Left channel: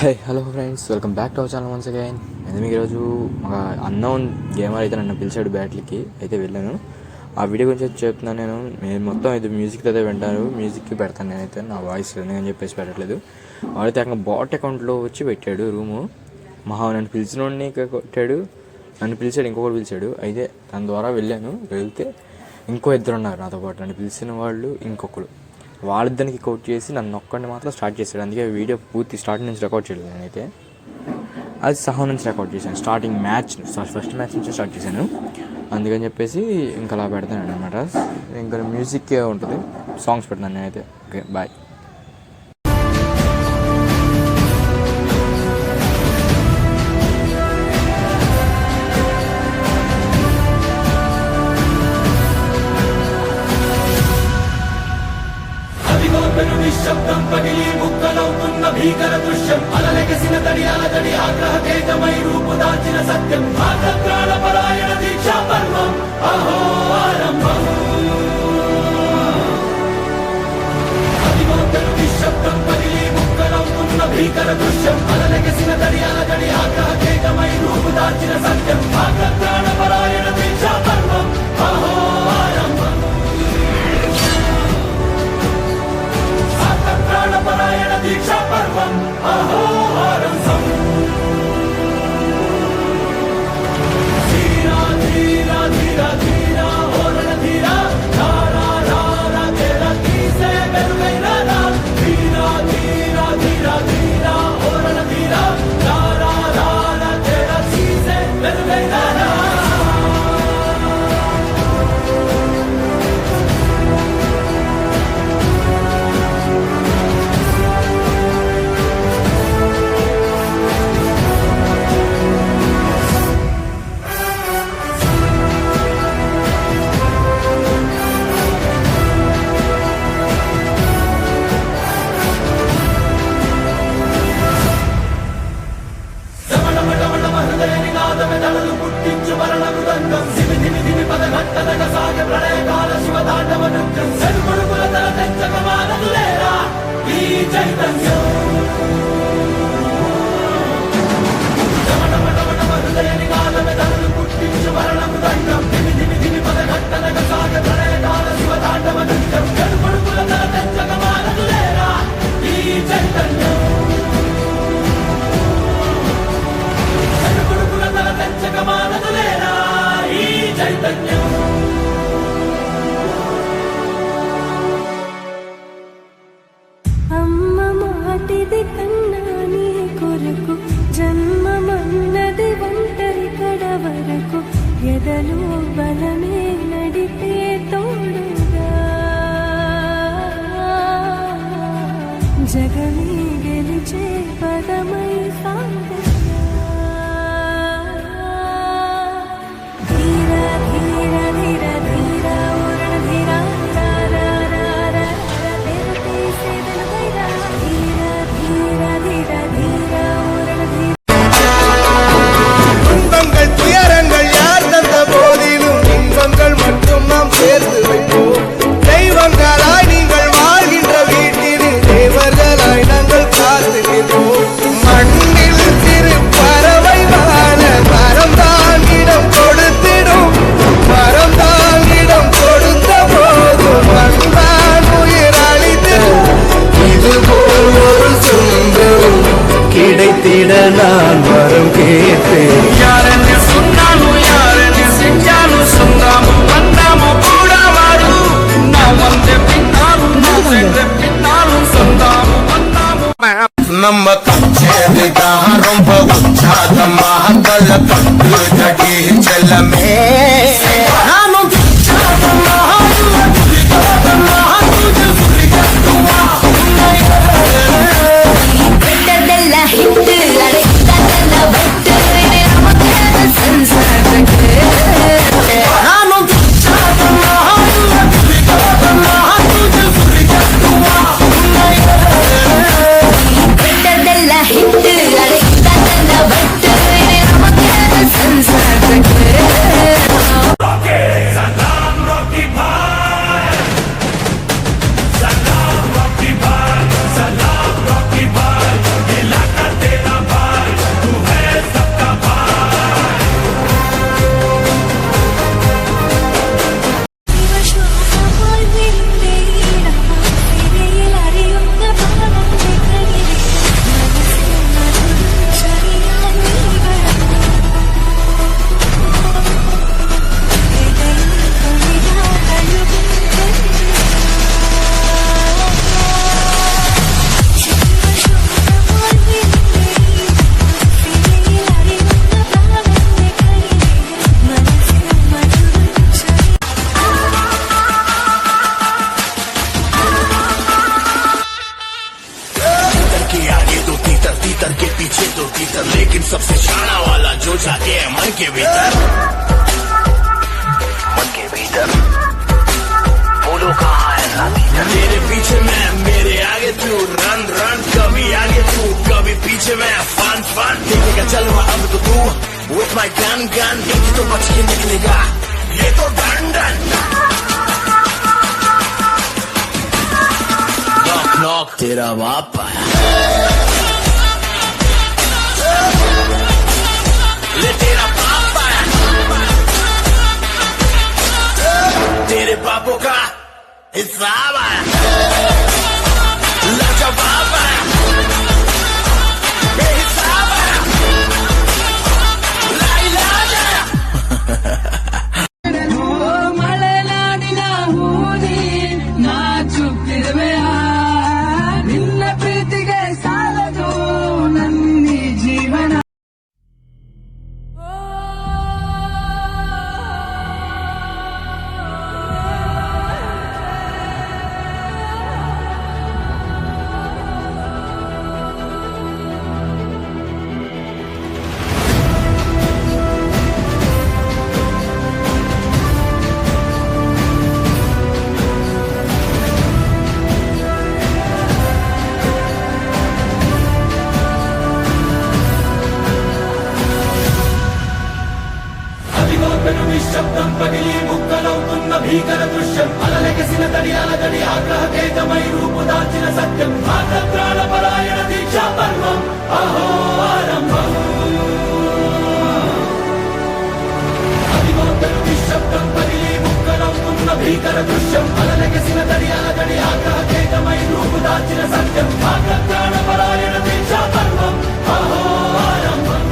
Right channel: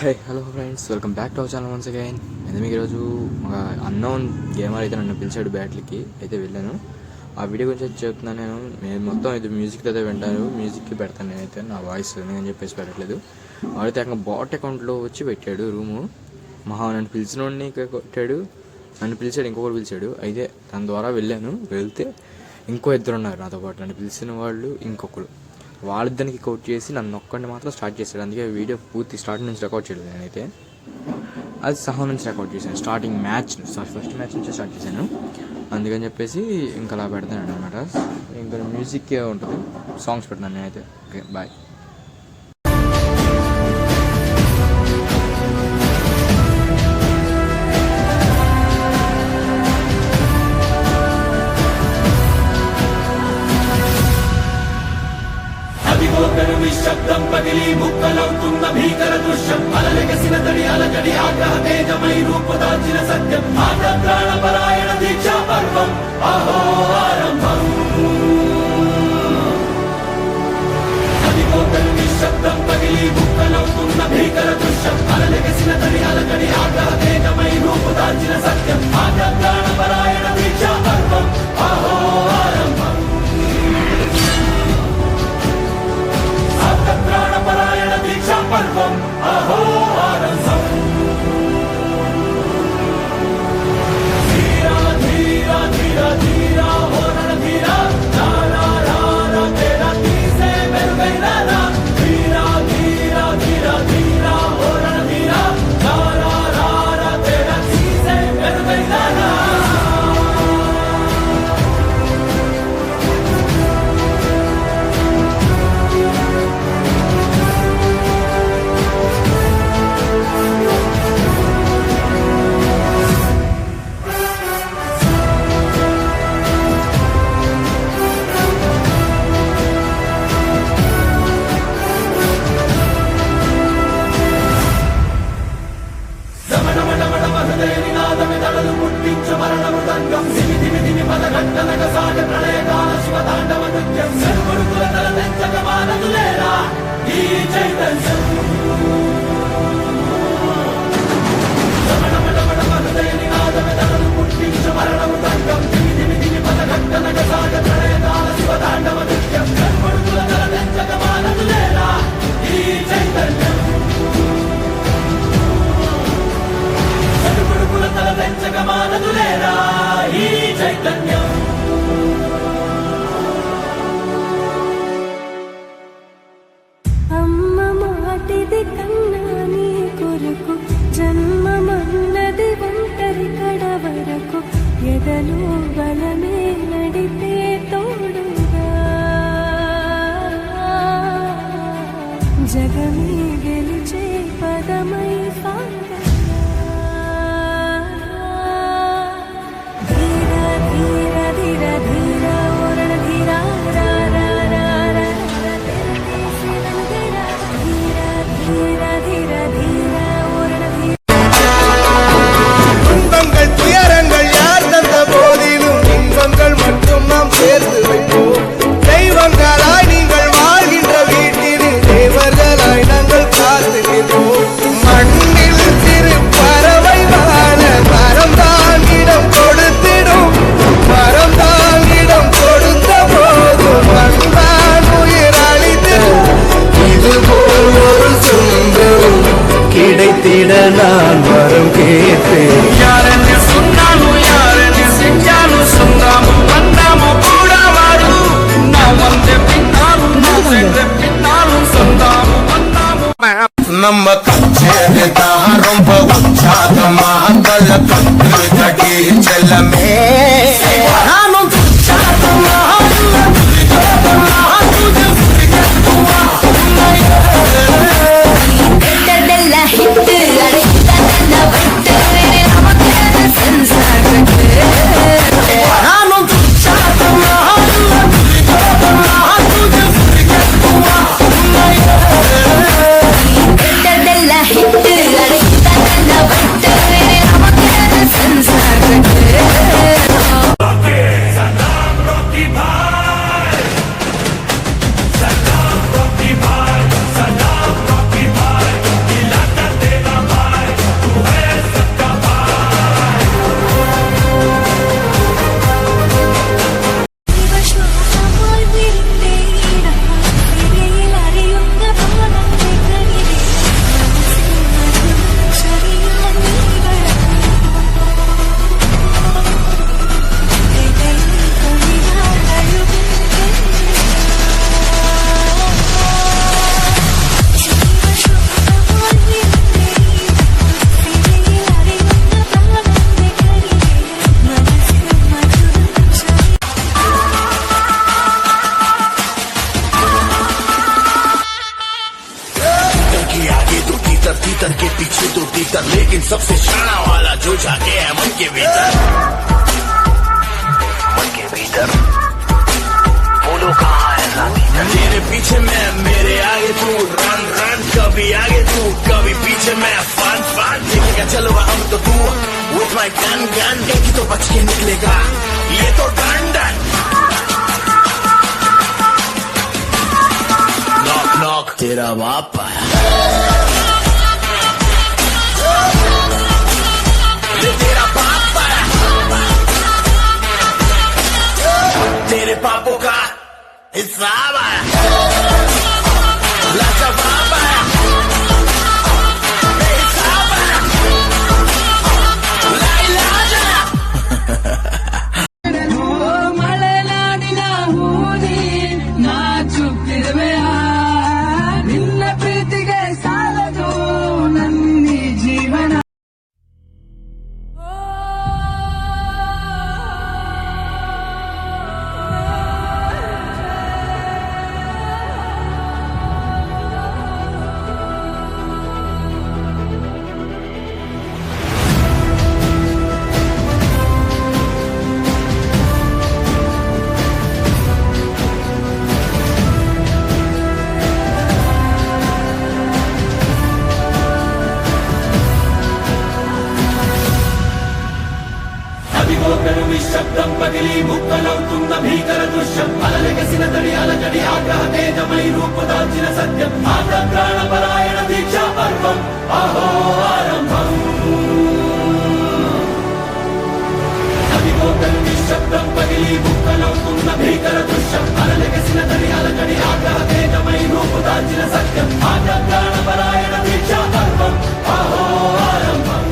Hey hello friends, welcome back to our channel once again. నేను మీకు ఈరోజు ఒక అన్నోన్ గేమర్ అయితే నన్ను పిలిచాడు బ్యాట్లకి, అయితే వెళ్ళాను. ఆ వీడియో గురించి అయితే చెప్తున్నాను. నేను మొత్తం అయితే మ్యూజిక్ అయితే వింటారు, మ్యూజిక్కి పెడతాను నేనైతే, నా వాయిస్ నేను చెప్పేసి పెట్టట్లేదు. వాడైతే అక్కడ బాట్ అకౌంట్లో వచ్చి పెట్టాడు రూము. నన్ను పిలిచిన వాడిని కొట్టాడు, నన్ను పిలిచాడు, ఇంకొకటి పిలిచాడు. అయితే దాని ద్వారా వెళ్ళాను. వెళ్తే ఇంకో ఇద్దరు ఉన్నారు నాతో పాటు, నన్ను పిలిచిన వాళ్ళు ఇంకొకరు. వాళ్ళిద్దరికి కోట్ చేసి నన్ను ఒక్కడిని మాత్రం స్టార్ట్ చేశాడు. అందుకే వీడియో పూర్తి స్టార్టింగ్ నుంచి రికార్డ్ చేయలేదు నేనైతే. అది సహా నుంచి రికార్డ్ చేశాను, స్టార్టింగ్ మ్యాచ్ ఫస్ట్ మ్యాచ్ నుంచి స్టార్ట్ చేశాను. అందుకని చెప్పేసి ఇంకా అలా పెడతాను అనమాట. ఇంకా మ్యూజిక్ ఉంటుంది, సాంగ్స్ పెడతాను నేనైతే. Okay, bye. నిశ్శబ్దం పగిలి ముక్కలవుతున్న భీకర దృశ్యం, అలలెగసిన తడి అలజడి ఆగ్రహ తేజమై రూపుదాల్చిన సత్యం, ప్రాణపరాయణ దీక్షా పర్వం అహో ఆరంభం. అదిగో పెను నిశ్శబ్దం పగిలి ముక్కలవుతున్న భీకర దృశ్యం, అలలెగసిన తడి అలజడి ఆగ్రహ తేజమై రూపుదాల్చిన సత్యం, ప్రాణపరాయణ దీక్షా పర్వం అహో ఆరంభం. ప్రాణపరాయణ దీక్షా పర్వం అహో ఆరంభం. ధీరా ధీరా ధీరా ధీరా ఓరణ ధీరా, రారా రారా తేరా తీసే వెలుగైన రా. ధీరా ధీరా ధీరా ధీరా ఓరణ ధీరా, రారా రారా తేరా తీసే వెలుగైన రా. దళలు పుట్టించు మరణ మృదంగం, ధిమి ధిమి ధిమి పదఘట్టనక సాగ ప్రళయకాల శివతాండవ నృత్యం, చెరుకొడుకుల తల తెచ్చక మానదులేరా ఈ చైతన్యం. రమణమటమట హృదయ నినాదమే దళలు పుట్టించు మరణ మృదంగం, ధిమి ధిమి ధిమి పదఘట్టనక సాగ ప్రళయకాల శివతాండవ నృత్యం, చెరుకొడుకుల తల తెచ్చక మానదులేరా ఈ చైతన్యం. కొడుకులందర పెంచక మానదులేరా ఈ చైతన్యం. అమ్మ మాటిది కన్నా నీ కొరకు, జన్మమన్నది ఒంటరి కడ వరకు, ఎదలో బలమే నడిపే తోడుగా, జగమే గెలిచే పదమై సాగ. துன்பங்கள் துயரங்கள் யார் தந்த போதிலும் இன்பங்கள் மட்டும் நாம் சேர்த்து வைப்போம். தெய்வங்களாய் நீங்கள் வாழ்கின்ற வீட்டில் தேவர்களாய் நாங்கள் காத்து நிற்போம். மண்ணில் சிறு பறவை வாழ மரம் தான் இடம் கொடுத்திடும், மரம் தான் இடம் கொடுத்த போதும் மண்தான் உயிர் அளித்திடும். இதுபோல் ஒரு சுந்தரம் கிடைத்திட நான் வரம் கேட்டேன். யாரென்னு சொன்னாலும் யாரென்னு செஞ்சாலும் சொந்தாமும் வந்தாமும் கூட வரும். நான் வந்த பின்னாலும் நான் சென்ற பின்னாலும் சொந்தாமும் வந்தாமும். நம்ம கச்சேரிதான் ரொம்ப உற்சாகமாக தல கட்டு தடி செல்லமே. நானும் ಬೆಟ್ಟದೆಲ್ಲ ಹಿಟ್ಟು ಅಡಗಿದ್ದೆಲ್ಲ ಬಟ್ಟು ನಮಗೆ ಸಂಸಾರಕ್ಕೆ நானும் ಬೆಟ್ಟದೆಲ್ಲ तेरा बाप आया। ले तेरा बाप आया। तेरे पापों का हिसाब आया। लाखा बाप आया। हिसाब आया। लाई लाजा। ಮಲೆನಾಡಿನ ಹೂನಿ ನಾಚುತ್ತಿರುವೆಯ ನಿನ್ನ ಪ್ರೀತಿಗೆ ಸಾಲದು ನನ್ನಿ ಜೀವನ. అదిగో పెను నిశ్శబ్దం పగిలి ముక్కలవుతున్న భీకర దృశ్యం అలలెగసిన దడియాల జడి ఆగ్రహ తేజమై రూపుదాల్చిన సత్యం ఆగ్రహ పరాయణ దీక్షా పర్వం అహో ఆరంభం అదిగో పెను నిశ్శబ్దం పగిలి ముక్కలవుతున్న భీకర దృశ్యం అలలెగసిన దడియాల జడి ఆగ్రహ తేజమై రూపుదాల్చిన సత్యం ఆగ్రహ పరాయణ దీక్షా పర్వం అహో ఆరంభం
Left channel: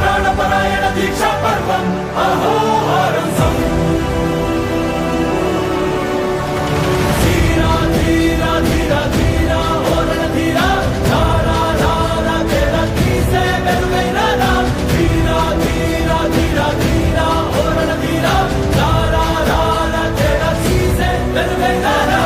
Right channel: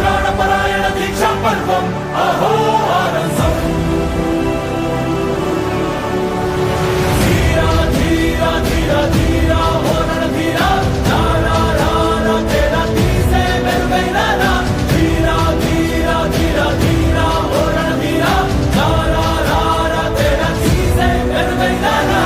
ప్రాణపరాయణ దీక్షా పర్వం అహో ఆరంభం ధీరా ధీరా ధీరా ధీరా ఓ రణధీరా రారా రారా తేరా తీసే వెలుగైన రా ధీరా ధీరా ధీరా ధీరా ఓ రణధీరా రారా రారా తేరా తీసే వెలుగైన రా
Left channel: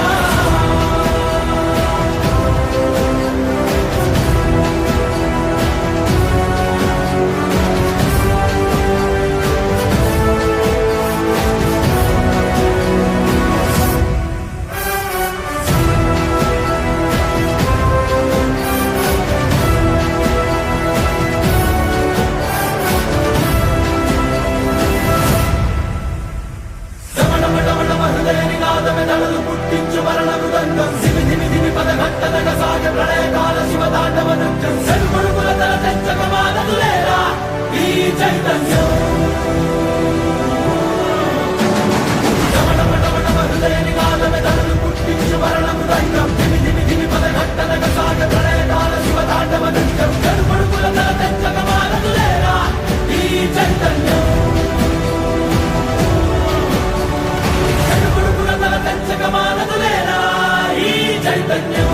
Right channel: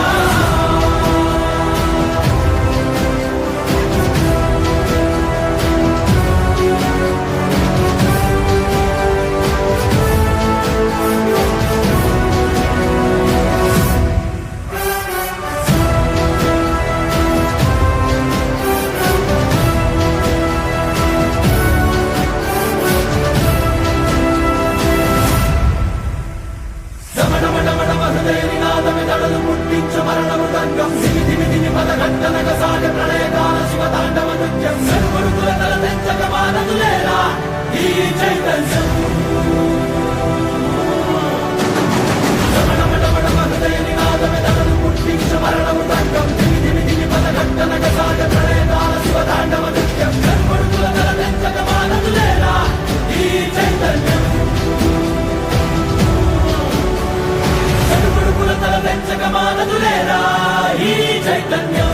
హృదయనినాదమెదడలు పుట్టించు మరణ మృదంగం ధిమి ధిమి ధిమి పదఘట్టనగ సాగ ప్రళయకాల శివతాండవ నృత్యం చెడుకొడుకుల తల తెచ్చక మానదులేరా ఈ చైతన్యం డమడమడమడమ హృదయనినాదమెదడలు పుట్టించు మరణ మృదంగం ధిమి ధిమి ధిమి పదఘట్టనగ సాగ ప్రళయకాల శివతాండవ నృత్యం చెడుకొడుకుల తల తెచ్చక మానదులేరా ఈ చైతన్యం చెడుపుడుకుల తల తెచ్చక మానదులేరా ఈ చైతన్యం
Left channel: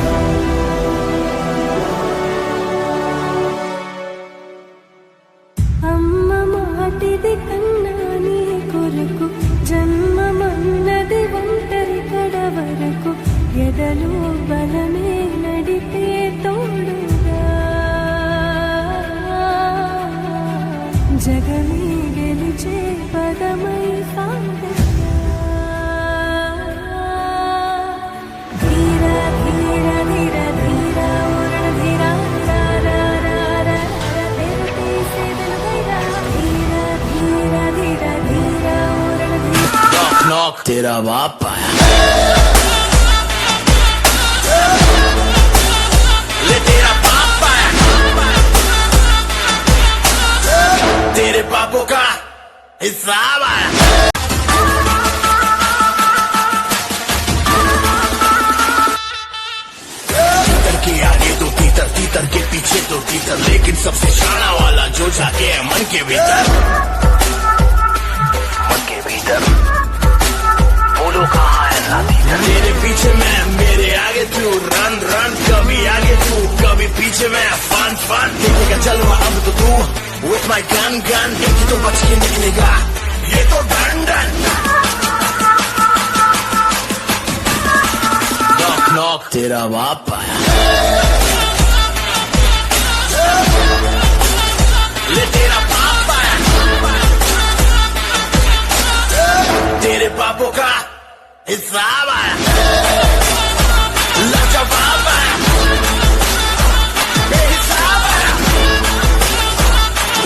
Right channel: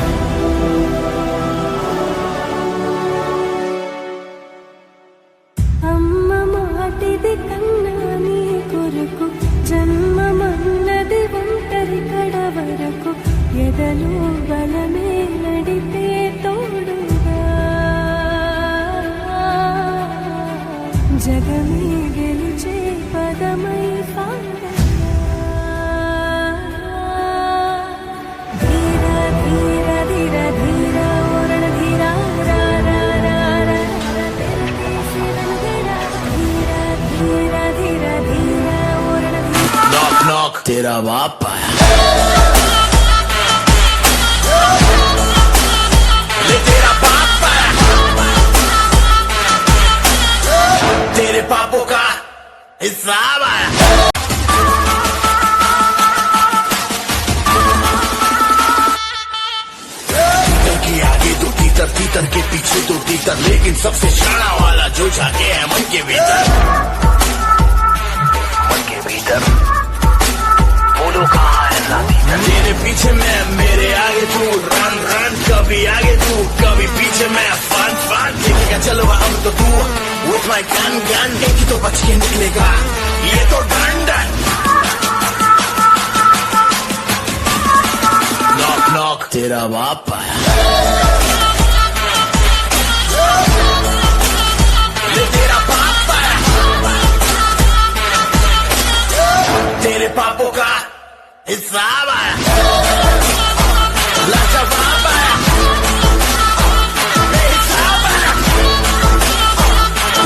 అమ్మ మాటిది కన్నా నీ కొరకు జన్మమన్నది ఒంటరి కడ వరకు ఎదలో బలమే నడిపే తోడుగా జగమే గెలిచే పదమై సాగగా ధీరా ధీరా ధీరా ధీరా ధీరా ధీరా ధీరా ధీరా तेरा बाप आया। ले तेरा बाप आया। तेरे पापों का हिसाब आया। के आगे दो तीतर तीतर के पीछे दो तीतर लेकिन सबसे शाना वाला जो जाके है मन के भीतर। मन के भीतर बोलो कहाँ है राती मेरे पीछे मैं मेरे आगे तू रन रन कभी आगे तू कभी पीछे मैं फन फन चल रहा हूँ तो तू with my gun gun देखी तो बच के निकलेगा ये तो डन डन लॉक तेरा बाप आया। ले तेरा बाप आया। तेरे पापों का हिसाब आया। लाखा बाप आया। हिसाब आया।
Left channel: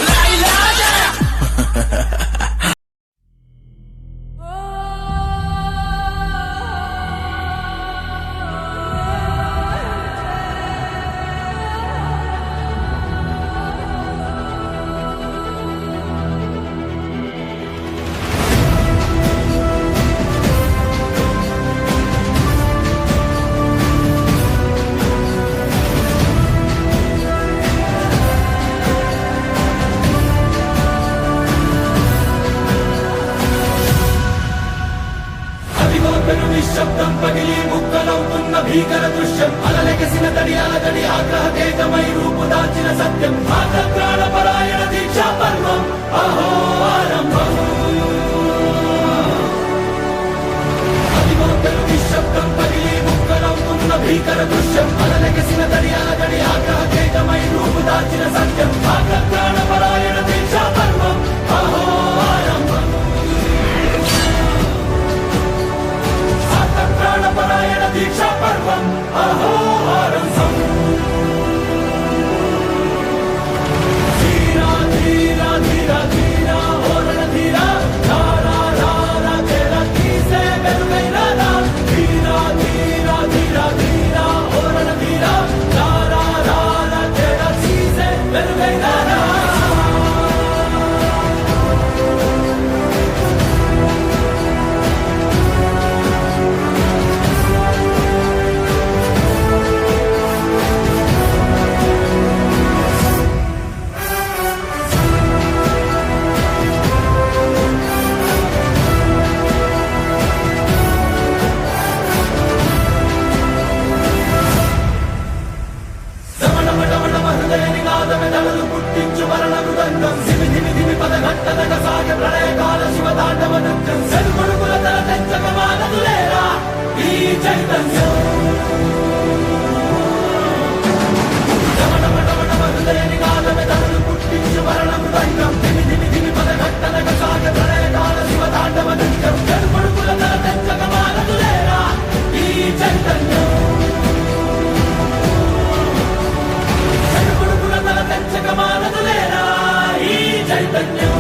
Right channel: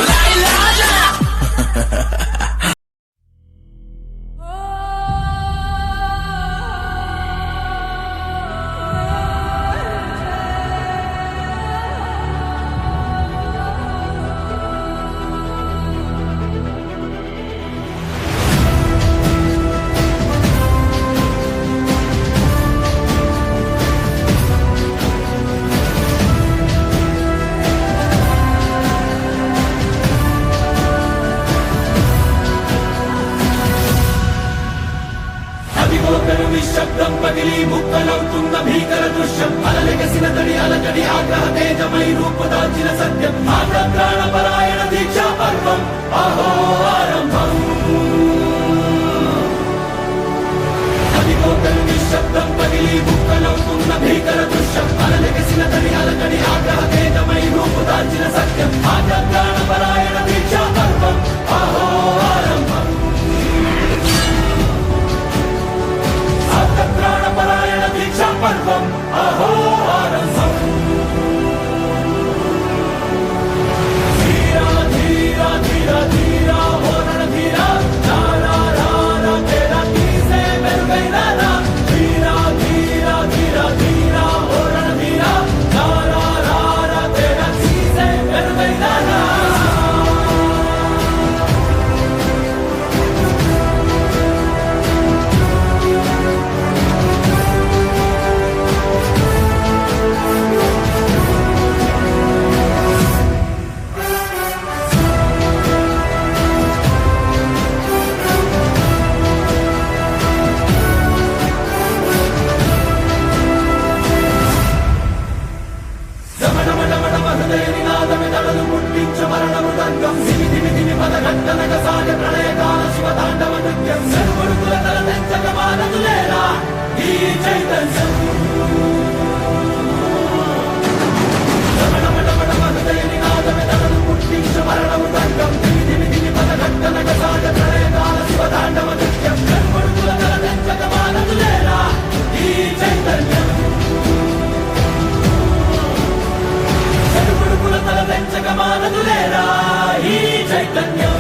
लाई लाजा। నిశ్శబ్దం పగిలి ముక్కలవుతున్న భీకర దృశ్యం అలలెగసిన తడి అలజడి ఆగ్రహ తేజమై రూపుదాల్చిన సత్యం ఆగ్రహ పరాయణ దీక్షా పర్వం అహో ఆరంభం అదిగోతలు నిశ్శబ్దం పగిలి ముక్కలవుతున్న భీకర దృశ్యం అలలెగసిన తడి అలజడి ఆగ్రహ తేజమై రూపుదాల్చిన సత్యం ఆగ్రహ పరాయణ దీక్షా పర్వం అహో ఆరంభం ప్రాణపరాయణ దీక్షా పర్వం అహో ఆరంభం ధీరా ధీరా ధీరా ధీరా ఓ రణధీరా రారా రారా తేరా తీసే మెరుగైన రా ధీరా ధీరా ధీరా ధీరా ఓ రణధీరా రారా రారా తేరా తీసే మెరుగైన రా పుట్టించు మరణ మృదంగం ధిమి ధిమి ధిమి పదఘట్టనగ సాగ ప్రళయకాల శివతాండవ నృత్యం చెడుకొడుకుల తల తెంచక మానదులేరా ఈ చైతన్యం హృదయని నాదమె తడలు పుట్టించు మరణ మృదంగం ధిమి ధిమి ధిమి పదఘట్టనగ సాగ ప్రళయకాల శివతాండవ నృత్యం చెడుకొడుకుల తల తెంచక మానదులేరా ఈ చైతన్యం చెడుకొడుకుల తల తెంచక మానదులేరా ఈ చైతన్యం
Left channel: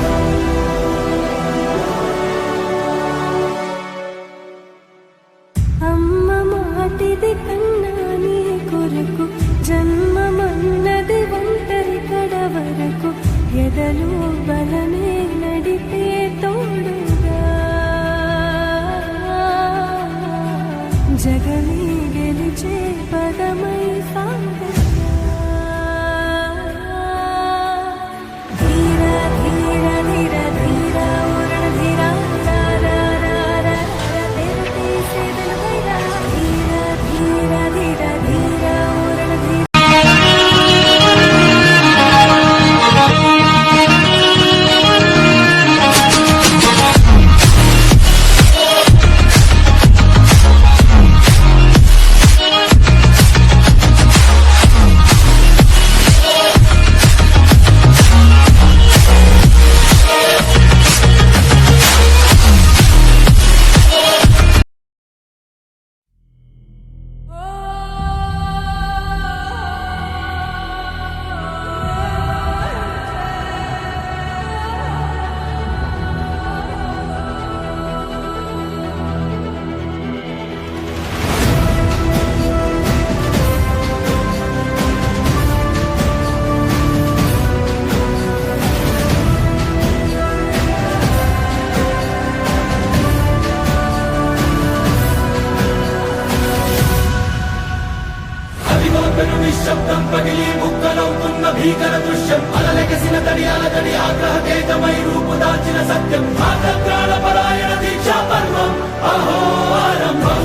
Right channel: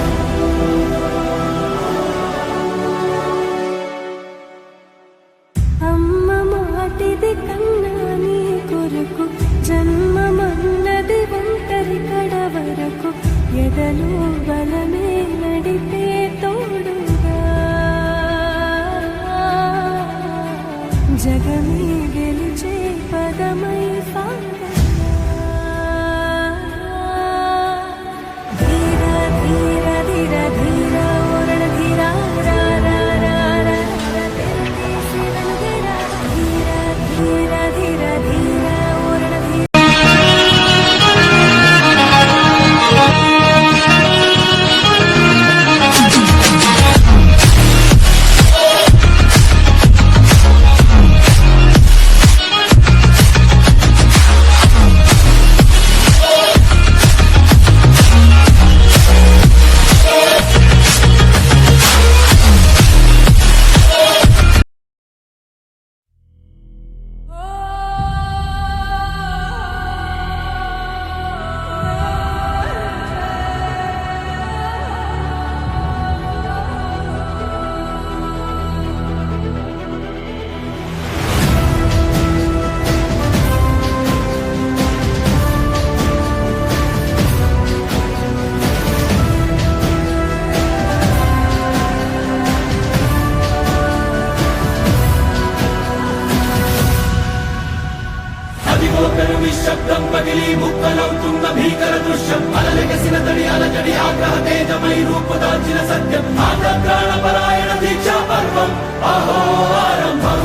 అమ్మ మాటిది కన్నా నీ కొరకు జన్మమన్నది ఒంటరి కడ వరకు ఎదలు బలమే నడిపే తోడుగా జగమే గెలిచే పదమై సాగ నిశ్శబ్దం పగిలి ముక్కలవుతున్న భీకర దృశ్యం అలలెగసిన తడి అలజడి ఆగ్రహ తేజమై రూపుదాల్చిన సత్యం ఆగ్రహ పరాయణ దీక్షా పర్వం అహో ఆరంభం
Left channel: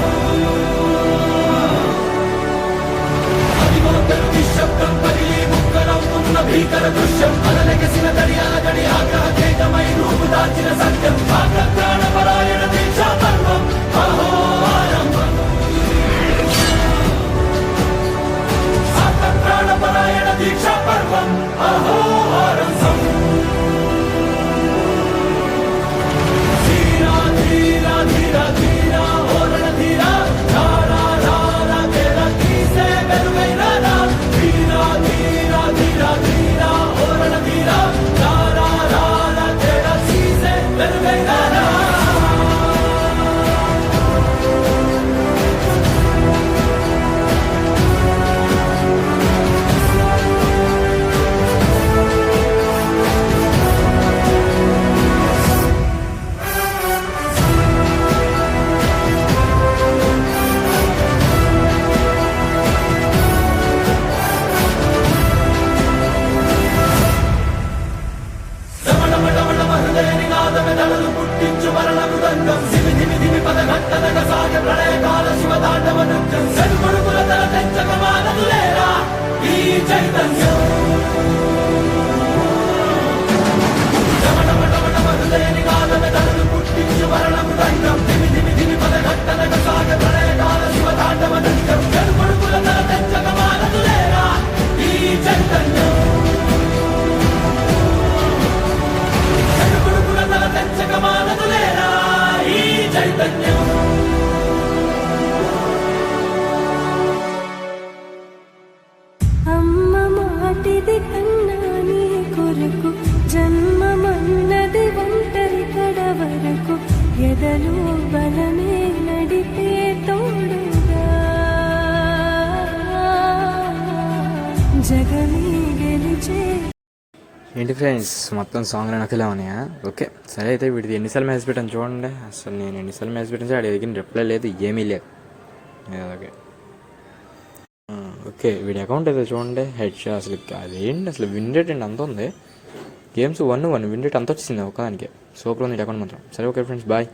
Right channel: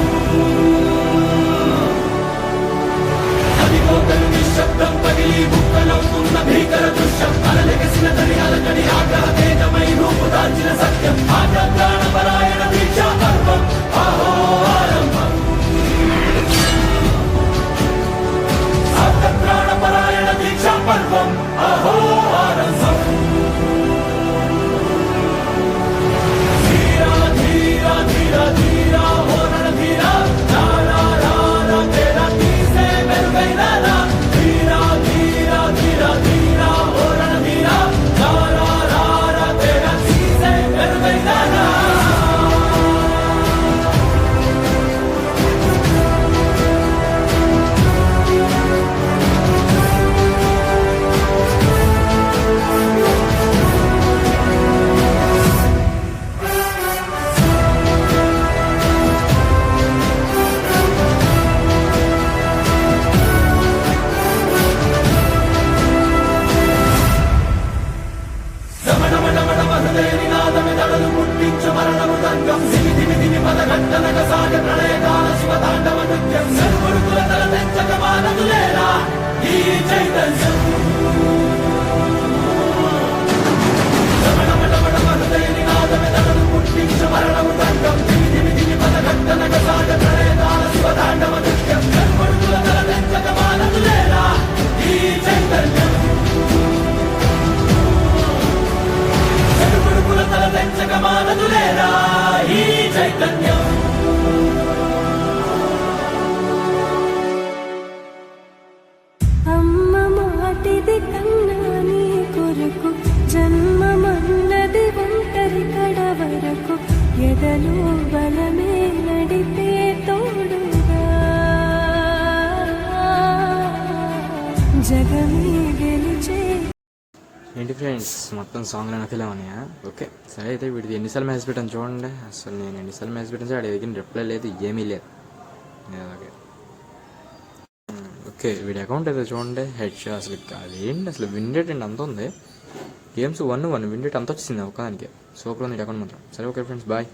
అదిగోతలు నిశ్శబ్దం పగిలి ముక్కలవుతున్న భీకర దృశ్యం అలలెగసిన తడి అలజడి ఆగ్రహ తేజమై రూపుదాల్చిన సత్యం ఆగ్రహ పరాయణ దీక్షా పర్వం అహో ఆరంభం ప్రాణపరాయణ దీక్షా పర్వం అహో ఆరంభం ధీరా ధీరా ధీరా ధీరా ఓ రణధీరా రారా రారా తేరా తీసే మెరుగైన రా ధీరా ధీరా ధీరా ధీరా ఓ రణధీరా రారా రారా తేరా తీసే మెరుగైన రా హృదయని నాదమె తడలు పుట్టించు మరణ మృదంగం ధిమి ధిమి ధిమి పదఘట్టనగ సాగ ప్రళయ శివతాండవ నృత్యం గడుగొడుకుల తల తెంచక మానదులేరా ఈ చైతన్యం రమణమటమటమరులేని నాదమె తనను పుట్టించు మరణము దండం ధిమి ధిమి ధిమి పదఘట్టనక సాగ ప్రళయకాల శివతాండవ నృత్యం గడుగొడుకుల తల తెంచక మానదులేరా ఈ చైతన్యం గడుగొడుకుల తల తెంచక మానదులేరా ఈ చైతన్యం అమ్మ మాటిది కన్నా నీ కొరకు జన్మమన్నది ఒంటరి కడ వరకు ఎదలో బలమే నడిపే తోడుగా జగమే గెలిచే. ఏంటి ఫ్రెండ్స్ మొత్తం సాంగ్ నాకు ఇలా ఉన్నాయా? ఓకే సరే, అయితే వీడిది ఎన్నిసార్లు మెసేజ్ పెట్టాను చూడండి. అసలు నేను ఎన్నిసార్లు మెసేజ్ పెట్టాను సార్, దగ్గర రిప్లై లేదు, ఏమీ లేదు. ఓకే ఓకే, వీడి అకౌంట్ అయితే చూడండి. హెడ్ షా అసలు అదేంటి, అసలు విన్ రేట్ అండి అంత ఉంది. గేమ్స్ 1-1 విన్ రేట్ అంత వచ్చింది ఒకదానికి. సూపర్ ఉంది అకౌంట్ మాత్రం. సరే ఓకే ఫ్రెండ్స్, బాయ్.